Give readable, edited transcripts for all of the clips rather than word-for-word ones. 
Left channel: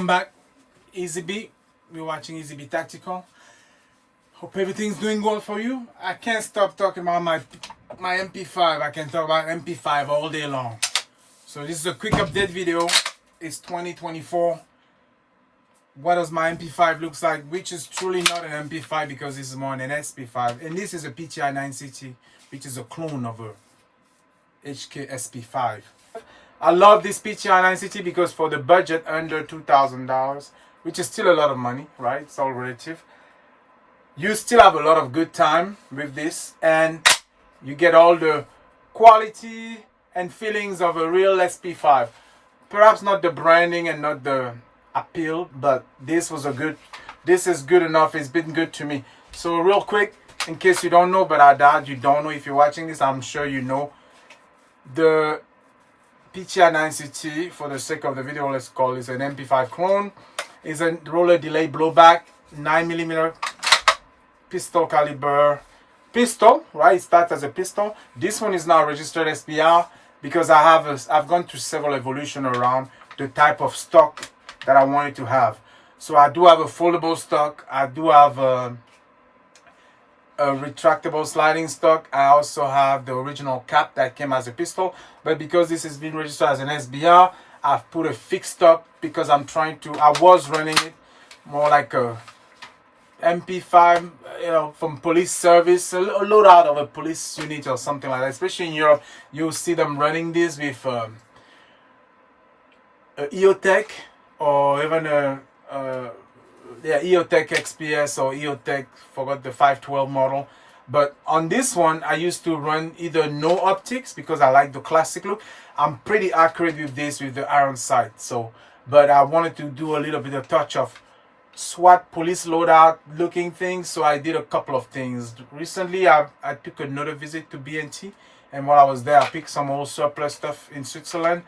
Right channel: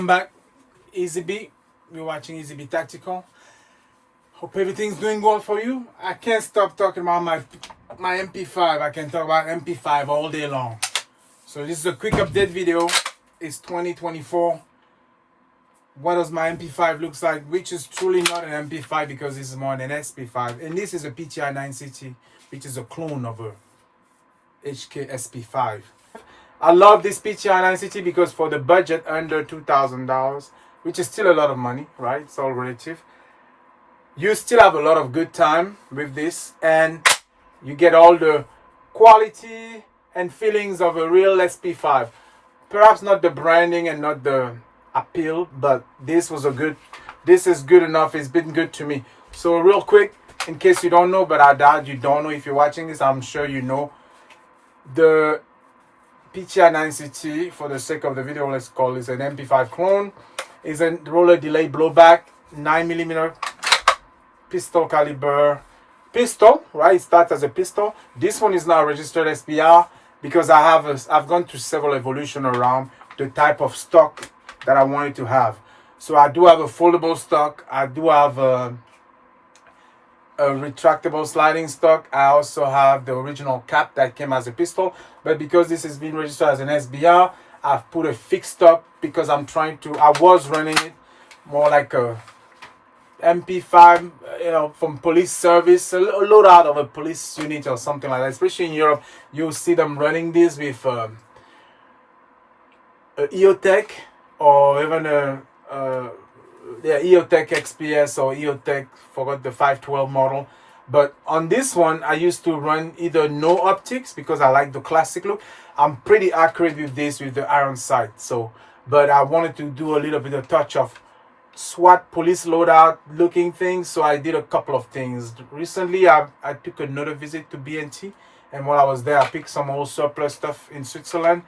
Welcome back, Easy B. You're watching Easy B Tactical. Hope everything's doing well for you. I can't stop talking about my MP5. I can talk about MP5 all day long. So this is a quick update video. It's 2024. What does my MP5 looks like? Which is truly not an MP5 because this is more than an SP5. And this is a PTR 960, which is a clone of a HK SP5. I love this PTR 960 because for the budget under $2,000, which is still a lot of money, right? It's all relative. You still have a lot of good time with this, and you get all the quality and feelings of a real SP5. Perhaps not the branding and not the appeal, but this is good enough. It's been good to me. So real quick, in case you don't know, but I doubt you don't know if you're watching this, I'm sure you know, the PTR 960, for the sake of the video, let's call this an MP5 clone, is a roller delay blowback 9mm pistol caliber pistol, right? It starts as a pistol. This one is now registered SPR because I've gone through several evolution around the type of stock that I wanted to have. So I do have a foldable stock. I do have a retractable sliding stock. I also have the original cap that came as a pistol, but because this has been registered as an SBR, I've put a fixed stock because I was running it more like a MP5, from police service, a loadout of a police unit or something like that. Especially in Europe, you'll see them running this with a EOTech or even EOTech XPS or EOTech, forgot the 512 model. But on this one, I used to run either no optics because I like the classic look. I'm pretty accurate with this with the iron sight. So, but I wanted to do a little bit of touch of SWAT police loadout looking things. So I did a couple of things. Recently, I took another visit to BNT. And while I was there, I picked some old surplus stuff in Switzerland.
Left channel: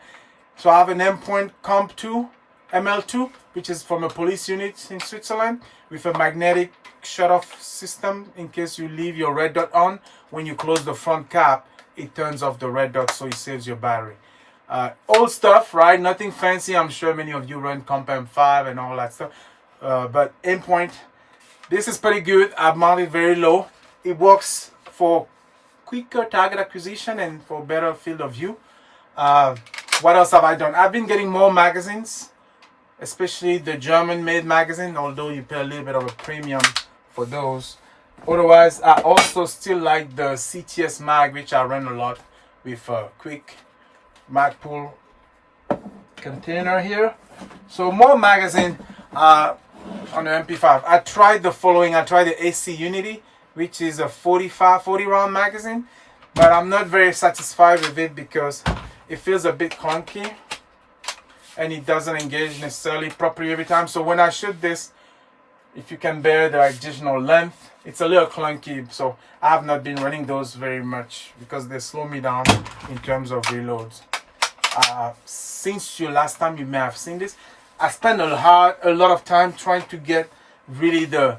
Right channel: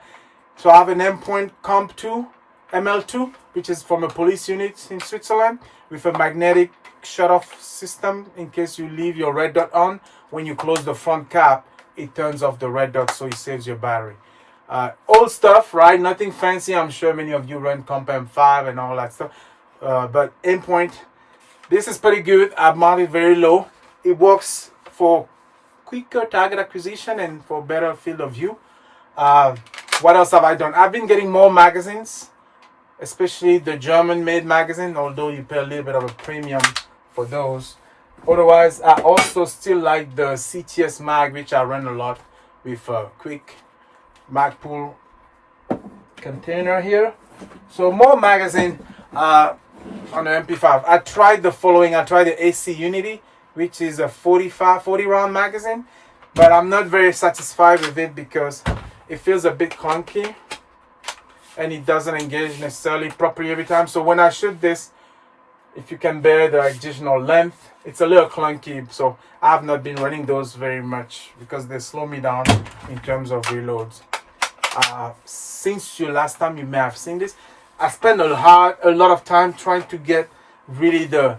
So I have an M-Point Comp 2. ML2, which is from a police unit in Switzerland, with a magnetic shut-off system. In case you leave your red dot on, when you close the front cap, it turns off the red dot, so it saves your battery. Old stuff, right? Nothing fancy. I'm sure many of you run Comp M5 and all that stuff. But M-Point, this is pretty good. I've mounted very low. It works for quicker target acquisition and for better field of view. What else have I done? I've been getting more magazines, especially the German-made magazine, although you pay a little bit of a premium for those. Otherwise, I also still like the CTS mag, which I run a lot with a quick mag pull container here. So more magazine on the MP5. I tried the following. I tried the AC Unity, which is a 40 round magazine, but I'm not very satisfied with it because it feels a bit clunky and it doesn't engage necessarily properly every time. So when I shoot this, if you can bear the additional length, it's a little clunky. So I have not been running those very much because they slow me down in terms of reloads. Since your last time you may have seen this, I spent a lot of time trying to get really the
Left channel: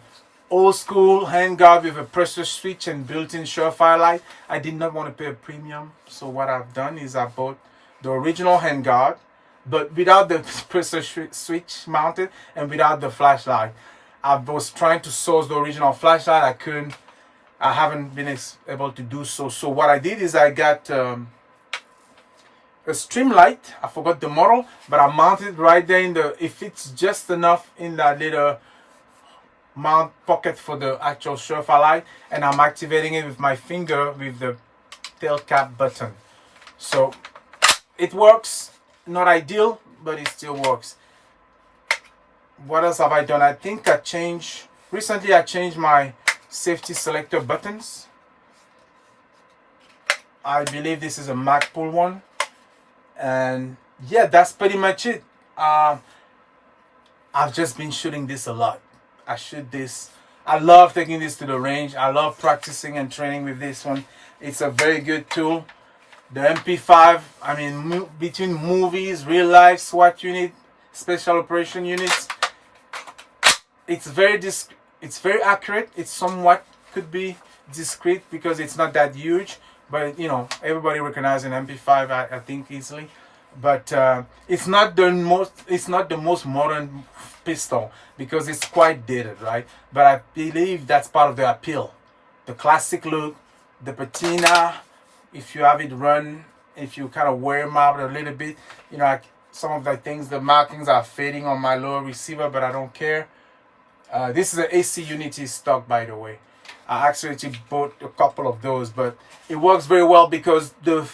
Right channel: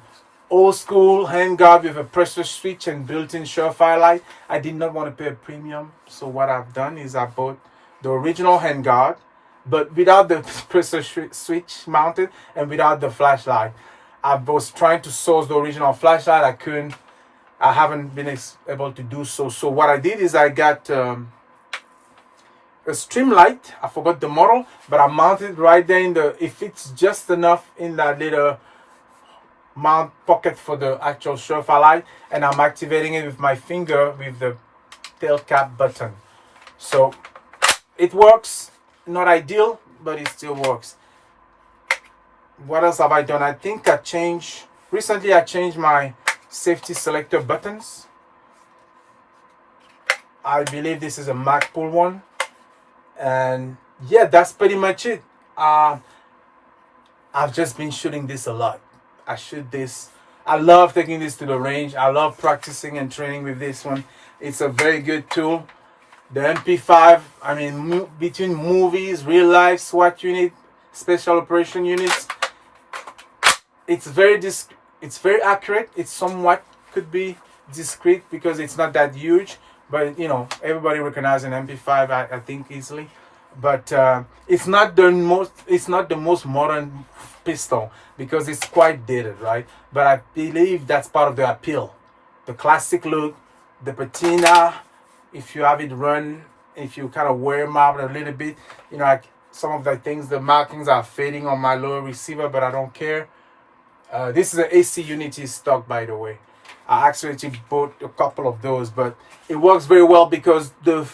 old school handguard with a pressure switch and built-in surefire light. I did not want to pay a premium. So what I've done is I bought the original handguard, but without the pressure switch mounted and without the flashlight. I was trying to source the original flashlight. I haven't been able to do so. So what I did is I got a stream light. I forgot the model, but I mounted right there it fits just enough in that little mount pocket for the actual surefire light, and I'm activating it with my finger with the tail cap button. So it works. Not ideal, but it still works. What else have I done? I think recently I changed my safety selector buttons. I believe this is a mag pull one. And yeah, that's pretty much it. I've just been shooting this a lot. I shoot this. I love taking this to the range. I love practicing and training with this one. It's a very good tool. The MP5, I mean, between movies, real life, SWAT unit, special operation units, it's very accurate. It's somewhat could be discreet because it's not that huge, but everybody recognizes an MP5, I think, easily. but it's not the most modern pistol because it's quite dated, right? But I believe that's part of the appeal, the classic look, the patina. If you have it run, if you kind of wear them out a little bit, you know, some of the things, the markings are fading on my lower receiver, but I don't care. This is an AC Unity stock, by the way. I actually bought a couple of those, but it works very well because the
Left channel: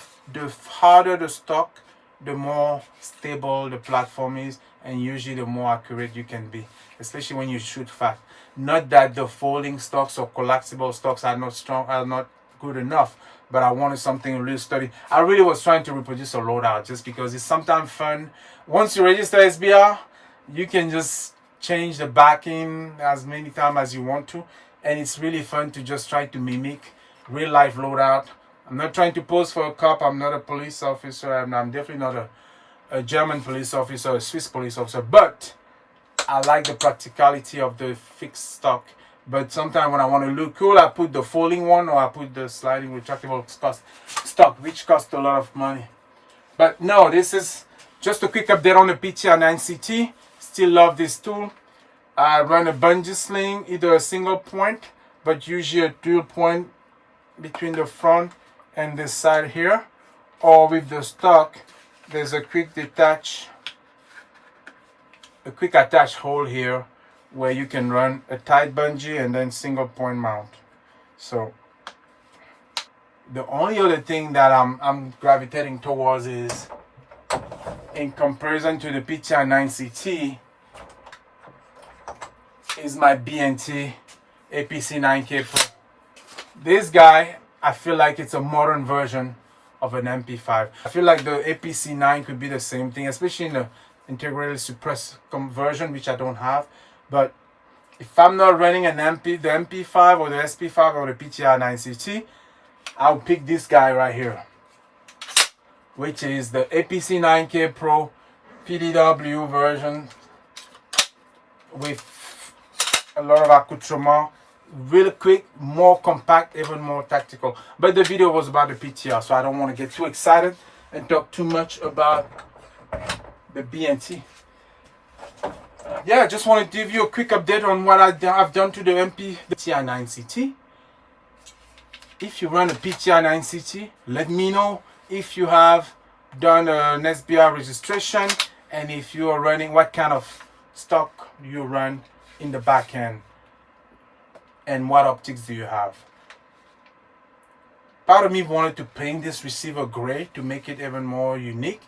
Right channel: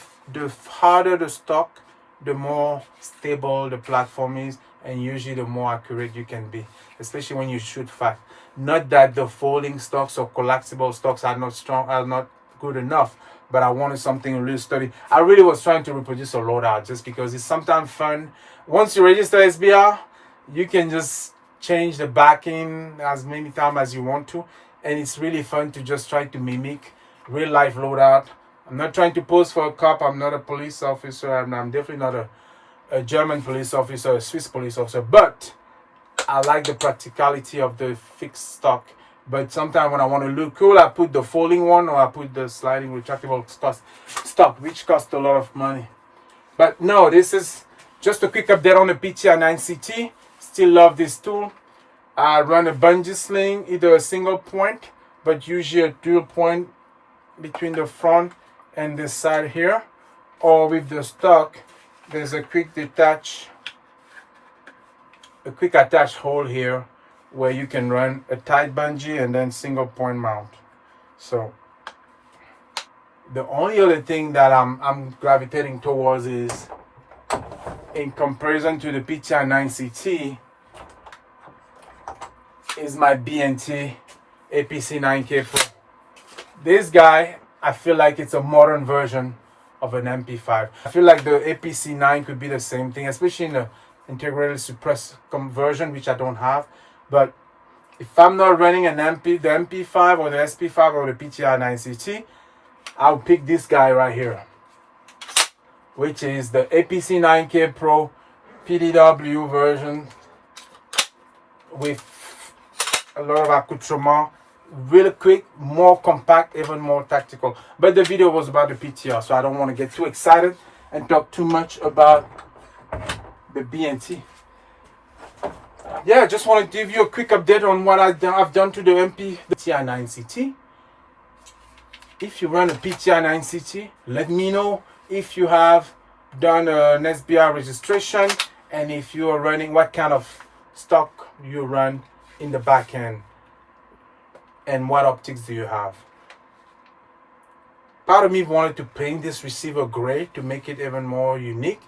harder the stock, the more stable the platform is, and usually the more accurate you can be, especially when you shoot fast. Not that the folding stocks or collapsible stocks are not good enough, but I wanted something really sturdy. I really was trying to reproduce a loadout just because it's sometimes fun. Once you register SBR, you can just change the backing as many times as you want to, and it's really fun to just try to mimic real life loadout. I'm not trying to pose for a cop. I'm not a police officer. I'm definitely not a German police officer, a Swiss police officer, but I like the practicality of the fixed stock. But sometimes when I want to look cool, I put the folding one or I put the sliding retractable stock, which costs a lot of money. But no, this is just a quick update on the PTR 9CT. Still love this tool. I run a bungee sling, either a single point, but usually a dual point between the front and the side here. Or with the stock, there's a quick attach hole here where you can run a tight bungee and then single point mount. So the only other thing that I'm gravitating towards is, in comparison to the PTR 9CT, is my BNT APC 9K Pro. This guy, I feel like it's a modern version of an MP5. I feel like the APC 9 could be the same thing, especially in the integrated suppressed conversion, which I don't have. But if I'm not running the MP5 or the SP5 or the PTR 9CT, I'll pick this guy right here, which is the APC 9K Pro PDW version with a lot of accoutrement, really quick, more compact, even more tactical. But the video was about the PTR, so I don't want to get too excited and talk too much about the BNT. Yeah, I just want to give you a quick update on what I've done to the PTR 9CT. If you run a PTR 9CT, let me know if you have done an SBR registration and if you are running, what kind of stock you run in the back end and what optics do you have. Part of me wanted to paint this receiver gray to make it even more unique.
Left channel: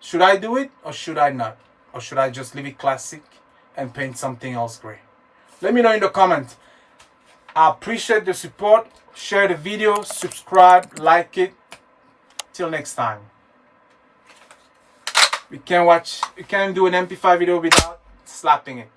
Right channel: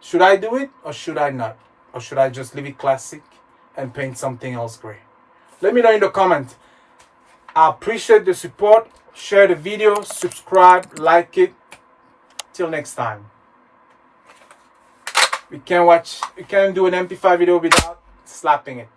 Should I do it or should I not? Or should I just leave it classic and paint something else gray? Let me know in the comments. I appreciate the support. Share the video, subscribe, like it. Till next time. We can't do an MP5 video without slapping it.